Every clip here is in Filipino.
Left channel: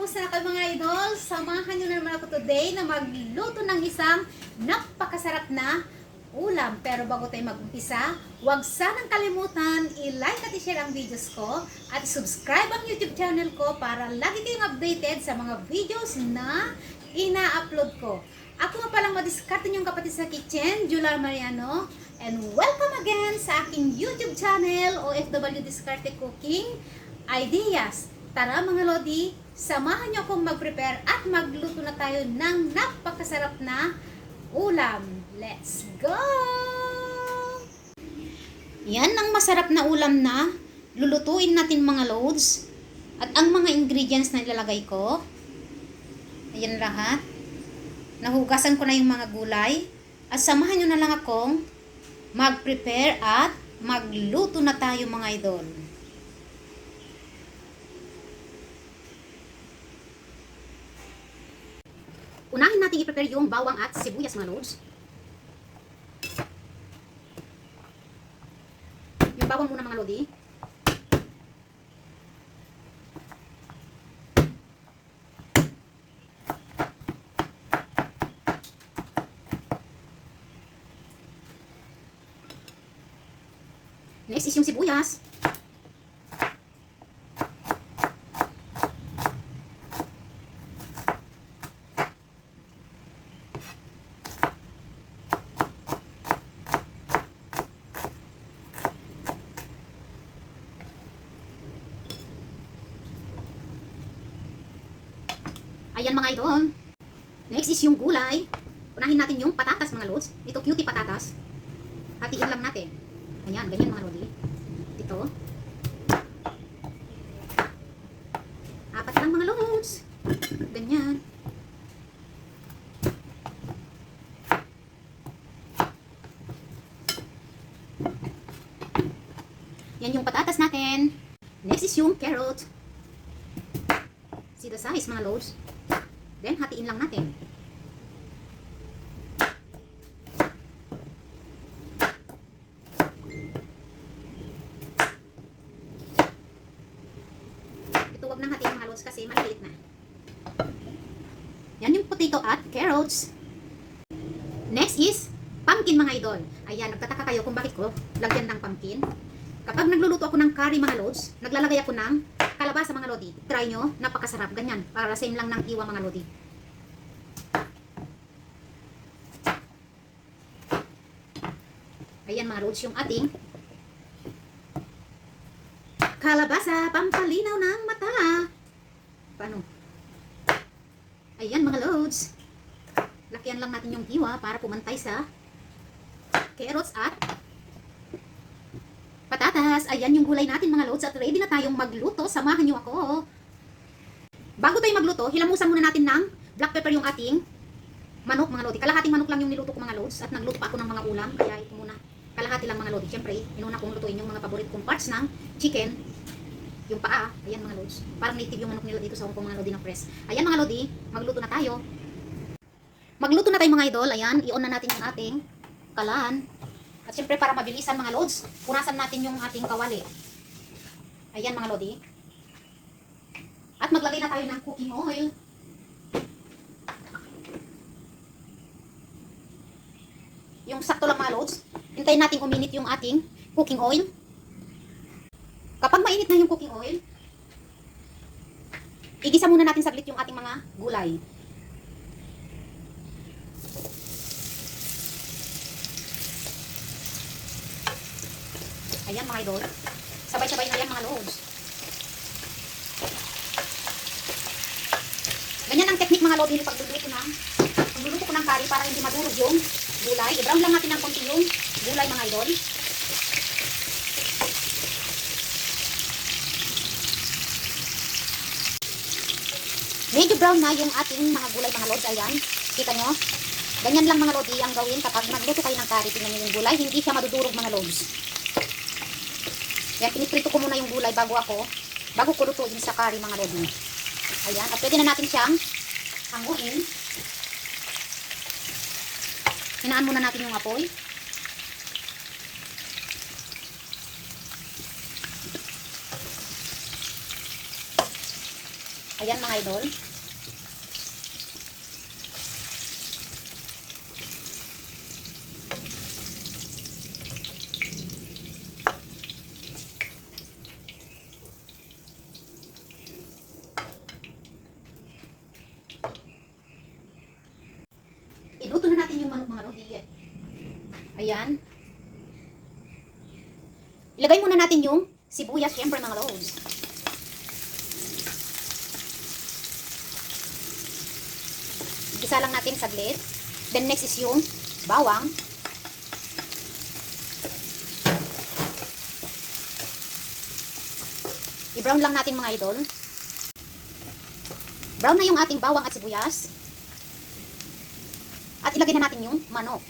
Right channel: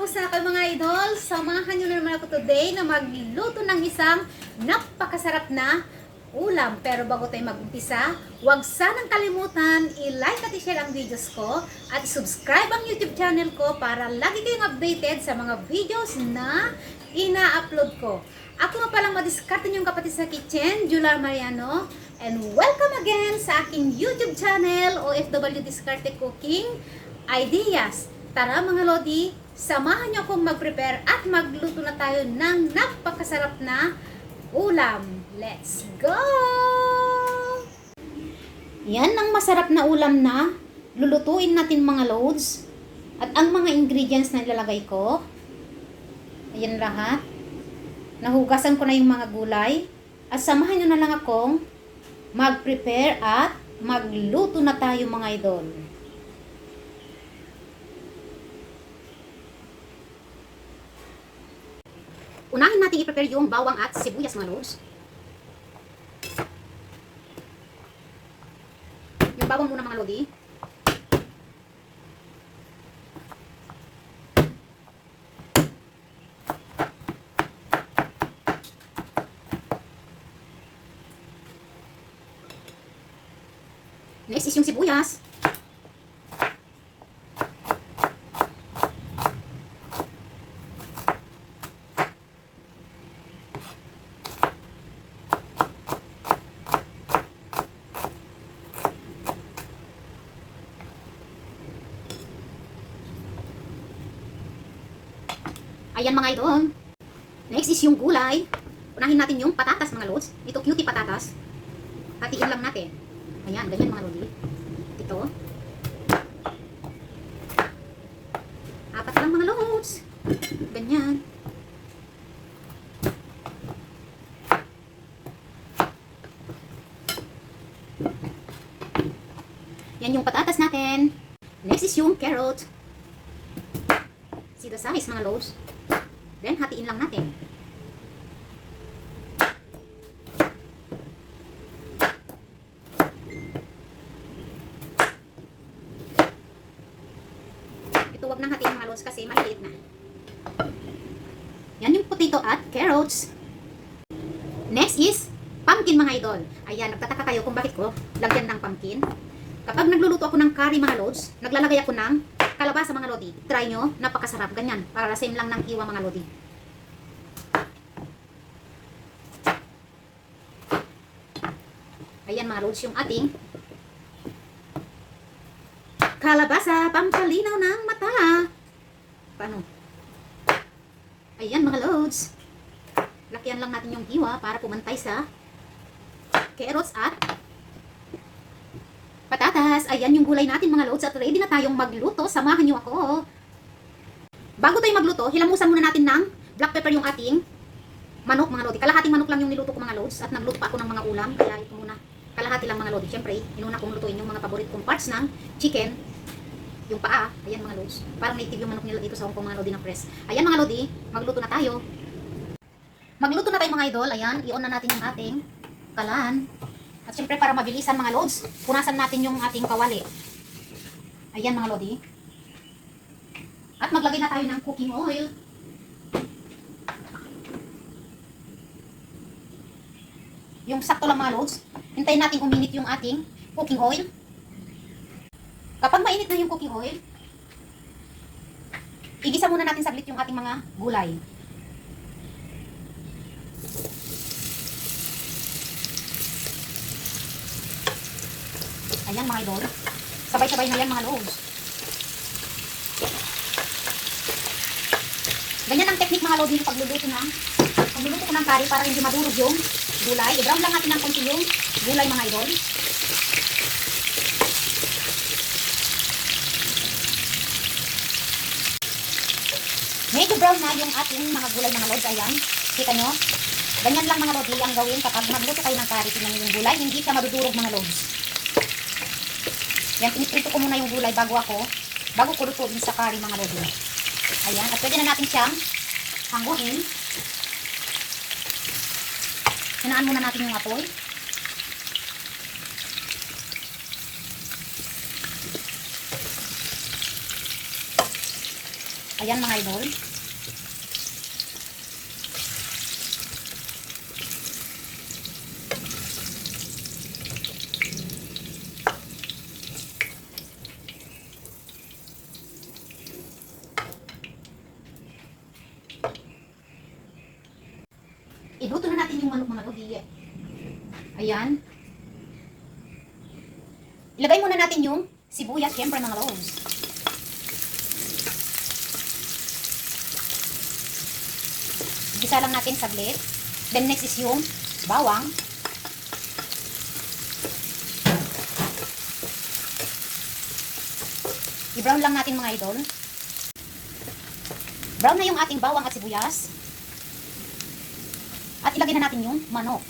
Kumusta na kayo mga idol? Samahan nyo na naman ako today na magluto ng isang napakasarap na ulam. Pero bago tayo mag-umpisa, huwag sanang kalimutan i-like at i-share ang videos ko at subscribe ang YouTube channel ko para lagi kayong updated sa mga videos na ina-upload ko. Ako nga palang madiskarte niyong kapatid sa kitchen, Jular Mariano. And welcome again sa aking YouTube channel, OFW Diskarte Cooking Ideas. Tara mga Lodi, samahan niyo akong mag-prepare at magluto na tayo ng napakasarap na ulam. Let's go! Yan ang masarap na ulam na lulutuin natin mga loads. At ang mga ingredients na ilalagay ko, ayan lahat. Nahugasan ko na yung mga gulay. At samahan nyo na lang akong mag-prepare at magluto na tayo mga idol. Unahin natin i-prepare yung bawang at sibuyas mga lods. Yung bawang muna mga lodi. Next is yung sibuyas. Ayan mga idol. Next is yung gulay. Unahin natin yung patatas mga lods. Ito cutie patatas. Hatiin lang natin. Ayan, ganyan mga lodi. Ito. Apat lang mga lods. Ganyan. Yan yung patatas natin. Next is yung carrot. See the size mga lods. Then, hatiin lang natin. Ito wag nang hatiin mga lods kasi maliliit na. Yan yung potato at carrots. Next is pumpkin mga idol. Ayan, nagtataka kayo kung bakit ko lagyan ng pumpkin. Kapag nagluluto ako ng curry mga lods, naglalagay ako ng kalabasa mga lodi. Try nyo, napakasarap. Ganyan, para same lang ng iwa mga lodi. Ayan mga lods, yung ating kalabasa, pampalinaw ng mata. Paano? Ayan mga lods. Lakyan lang natin yung iwa para pumantay sa carrots at patatas. Ayan yung gulay natin mga lods at ready na tayong magluto. Samahan nyo ako. Bago tayo magluto, hilamusan muna natin ng black pepper yung ating manok mga lodi. Kalahating manok lang yung niluto ko mga lods at nagluto pa ako ng mga ulam. Kaya ito muna. Kalahati lang mga lodi. Siyempre, inuna kong lutuin yung mga paborito kong parts ng chicken. Yung paa. Ayan mga lods. Parang native yung manok nila dito sa Hong Kong mga lodi na press. Ayan mga lodi, magluto na tayo. Magluto na tayo mga idol. Ayan, i-on na natin yung ating kalan. At syempre para mabilisan mga lods, punasan natin yung ating kawali. Ayan mga lodi. At maglagay na tayo ng cooking oil. Yung sakto lang mga lods. Hintayin natin uminit yung ating cooking oil. Kapag mainit na yung cooking oil, igisa muna natin saglit yung ating mga gulay. Ayan mga idol. Sabay-sabay na yan mga loads. Ganyan ang technique mga loads pag pagluluto ko ng curry para hindi madurog yung gulay. I-brown lang natin ng konti yung gulay mga idol. Medyo brown na yung ating mga gulay mga loads. Ayan. Kita nyo? Ganyan lang mga loads ang gawin kapag magluto tayo ng curry. Tingnan nyo yung gulay. Hindi siya madudurog mga loads. Yan, piniprito ko muna yung gulay bago ko lutuin sa curry mga lodi. Ayan, at pwede na natin siyang hanguin. Hinaan muna natin yung apoy. Ayan mga idol. Iluto na natin yung manok mga lodi. Ayan. Ilagay muna natin yung sibuyas, syempre mga lods. Gisa lang natin saglit. Then next is yung bawang. I-brown lang natin mga idol. Brown na yung ating bawang at sibuyas. At ilagay na natin yung manok.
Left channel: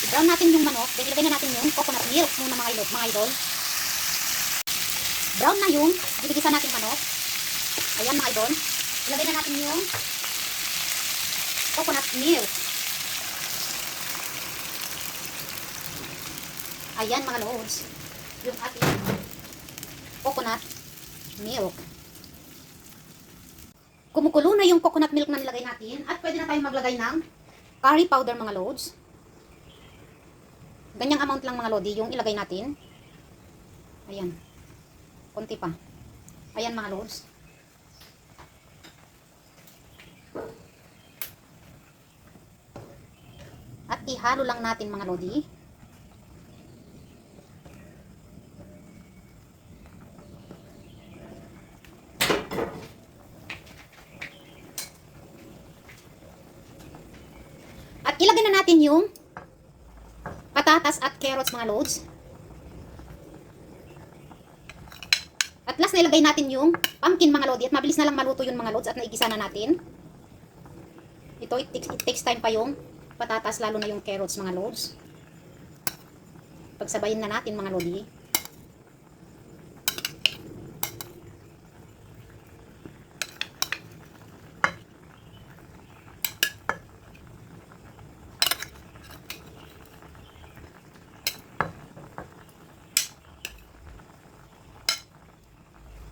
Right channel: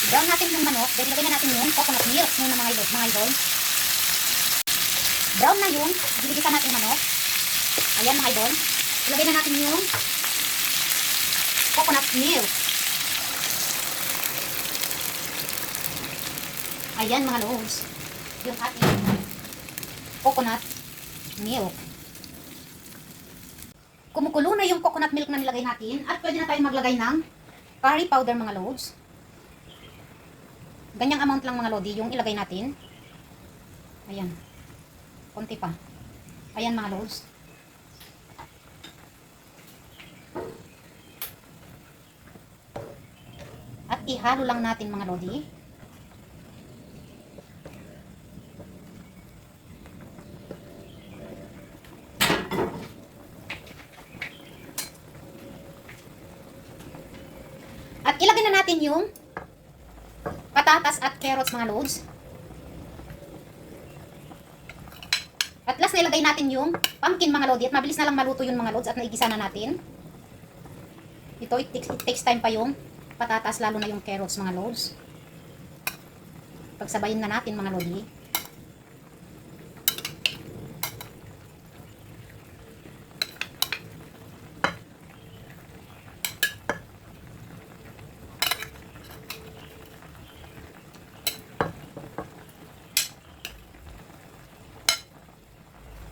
I-brown natin yung manok. Then ilagay na natin yung coconut milk muna mga idol. Brown na yung ginigisa natin manok. Ayan mga idol. Ilagay na natin yung coconut milk. Ayan mga lods. Yung ating coconut milk. Kumukulo na yung coconut milk na nilagay natin at pwede na tayong maglagay ng curry powder mga lods. Ganyang amount lang mga lodi yung ilagay natin. Ayan. Konti pa. Ayan mga lods. At ihalo lang natin mga lodi. At ilagay na natin yung patatas at carrots mga lods. At last na ilagay natin yung pumpkin mga lodi. At mabilis na lang maluto yun mga lods at naigisa na natin. Ito, it takes time pa yung patatas, lalo na yung carrots mga lods. Pagsabayin na natin mga lodi.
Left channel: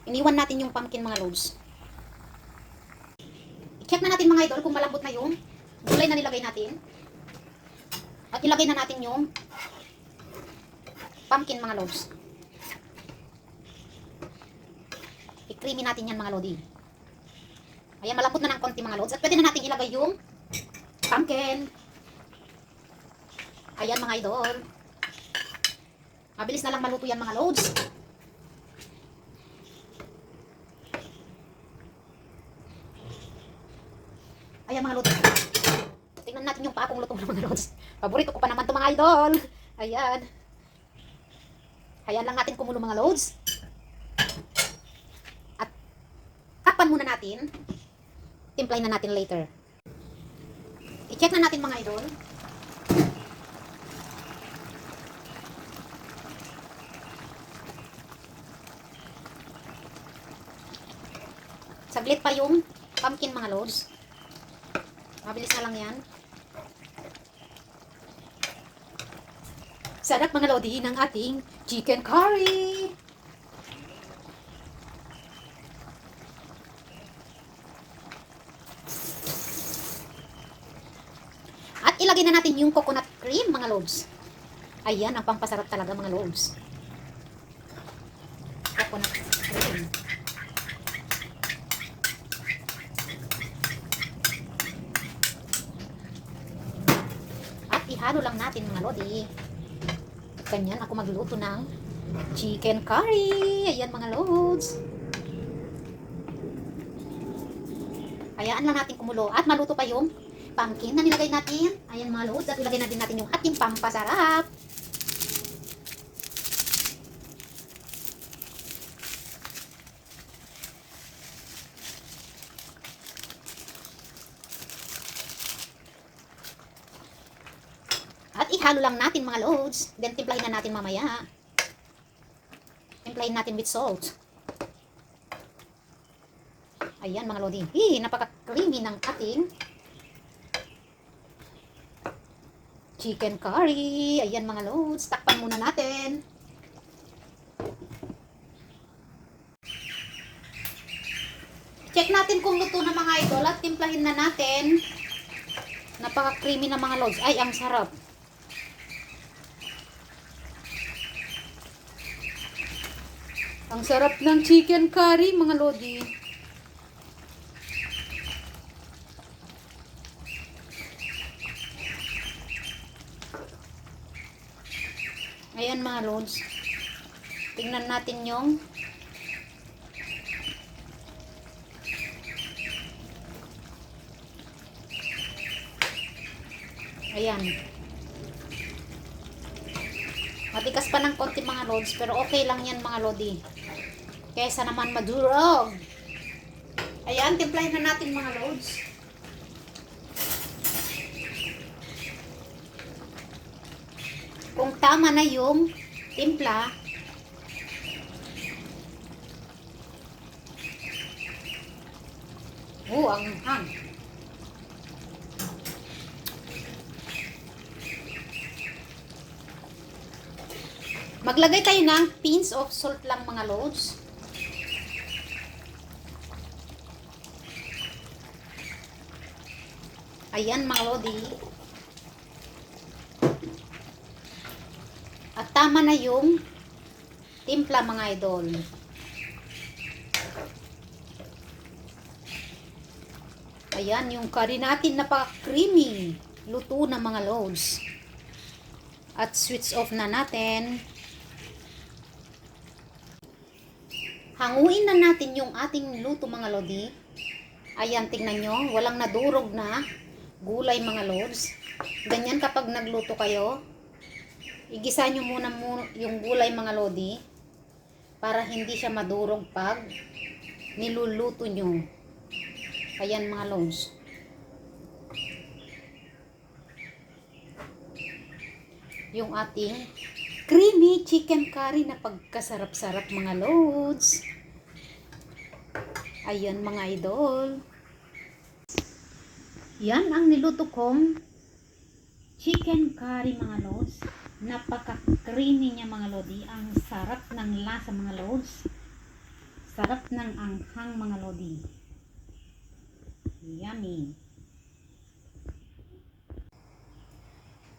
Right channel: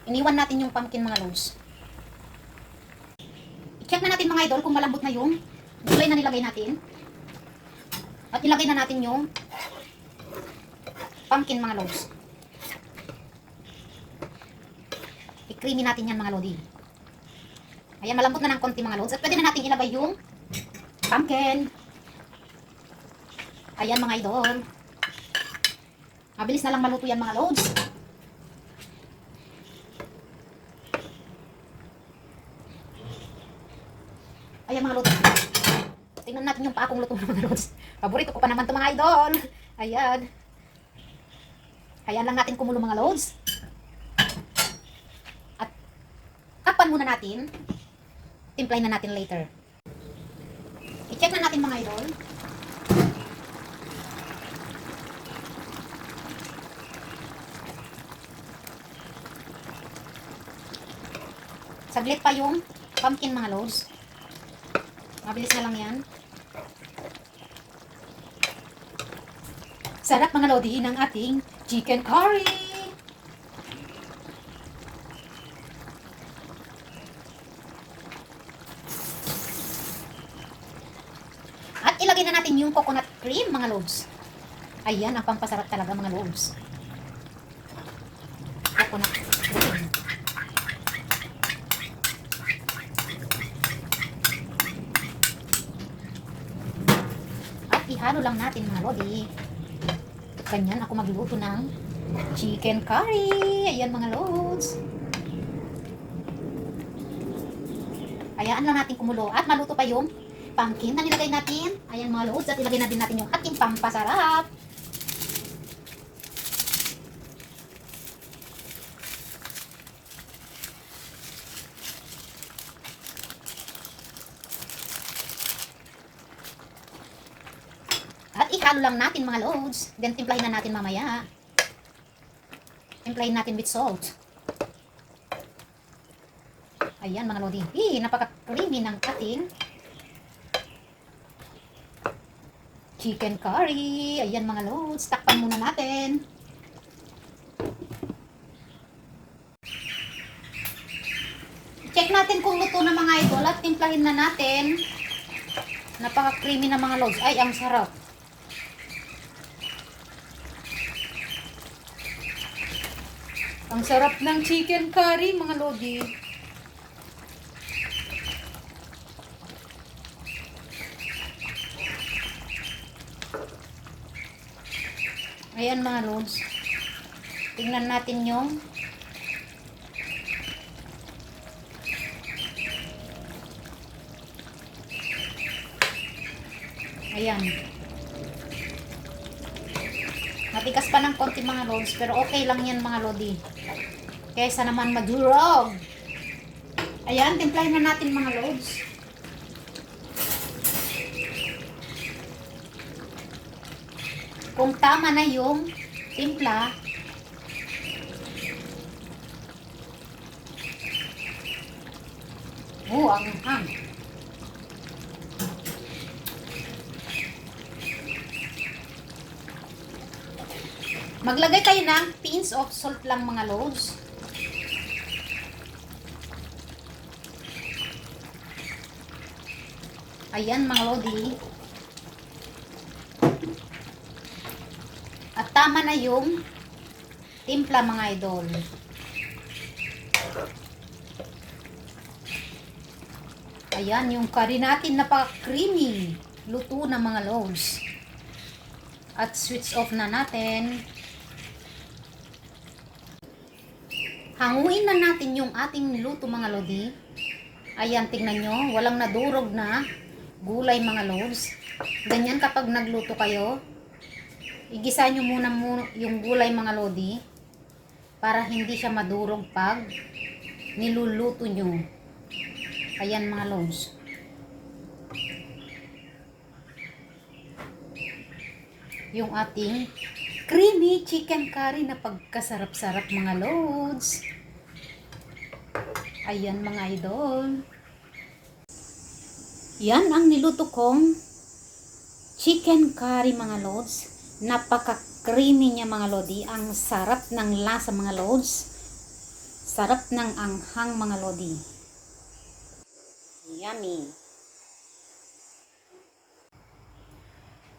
Iniwan natin yung pumpkin mga lods. I-check na natin mga idol kung malambot na yung gulay na nilagay natin. At ilagay na natin yung pumpkin mga lods. I-creamy natin yan mga lodi. Ayan, malambot na ng konti mga lods. At pwede na natin ilagay yung pumpkin. Ayan mga idol. Mabilis na lang maluto yan mga lods. Ayan mga lods. Tingnan natin yung pakong luto ng mga lods. Paborito ko pa naman ito mga idol. Ayan. Ayan lang natin kumulo mga lods. At takpan muna natin. Timplahin na natin later. I-check na natin mga idol. Saglit pa yung pumpkin mga lods. Mabilis na lang yan. Sarap mga lodi ng ating chicken curry. At ilagay na natin yung coconut cream mga lods. Ayan ang pampasarap talaga mga lods. Coconut cream. Ihalo lang natin mga lodi. Ganyan ako magluto ng chicken curry. Ayan mga lods. Hayaan lang natin kumulo. At maluto pa yung pumpkin na nilagay natin. Ayan mga lods. At ilagay na din natin yung ating pampasarap. At ihalo lang natin mga lods. Then timplahin na natin mamaya. Timplahin natin with salt. Ayan mga lodi. Napaka-creamy ng ating chicken curry. Ayan mga lods, takpan muna natin. Check natin kung luto na mga idol at timplahin na natin. Napaka-creamy na mga lods. Ay, ang sarap. Ang sarap ng chicken curry mga lodi. Ayan mga lods. Tingnan natin yung ayan. Matikas pa ng konti mga lods, pero okay lang yan mga lodi. Kaysa naman madurog. Ayan, timplahin na natin mga lods. Kung tama na yung timpla, ang hang. Maglagay tayo ng pinch of salt lang mga lods. Ayan mga lodi. At tama na yung timpla mga idol. Ayan yung curry natin, napaka-creamy. Luto na mga lods. At switch off na natin. Hanguin na natin yung ating luto mga lodi. Ayan, tingnan nyo. Walang nadurog na gulay mga lods. Ganyan kapag nagluto kayo. Igisa nyo muna yung gulay mga lodi. Para hindi siya madurog pag niluluto nyo. Ayan mga lods. Yung ating creamy chicken curry na pagkasarap-sarap mga lods. Ayan mga idol. Yan ang niluto kong chicken curry mga lods. Napaka-creamy niya mga lodi. Ang sarap ng lasa mga lods. Sarap ng anghang mga lodi. Yummy.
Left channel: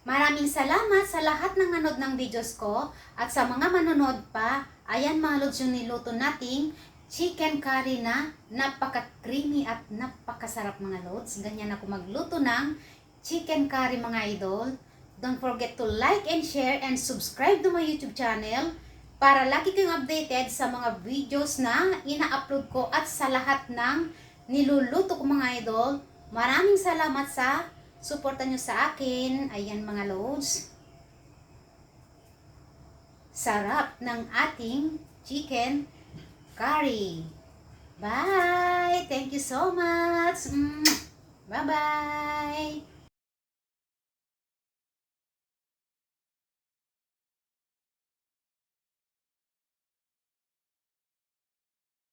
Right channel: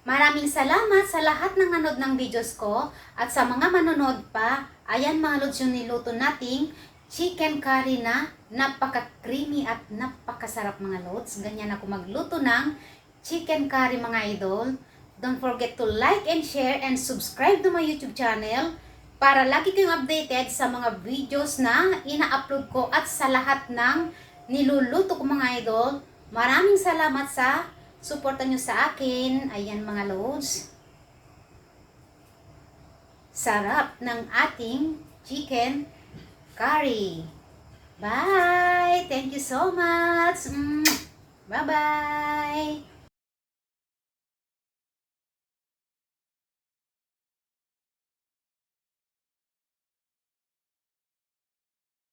Maraming salamat sa lahat ng nanood ng videos ko at sa mga manonood pa. Ayan mga lods yung niluto nating chicken curry na napaka-creamy at napakasarap mga lods. Ganyan ako magluto ng chicken curry mga idol. Don't forget to like and share and subscribe to my YouTube channel para lagi kayong updated sa mga videos na ina-upload ko at sa lahat ng niluluto ko mga idol. Maraming salamat sa suporta nyo sa akin. Ayan mga lods. Sarap ng ating chicken curry. Bye! Thank you so much! Bye-bye!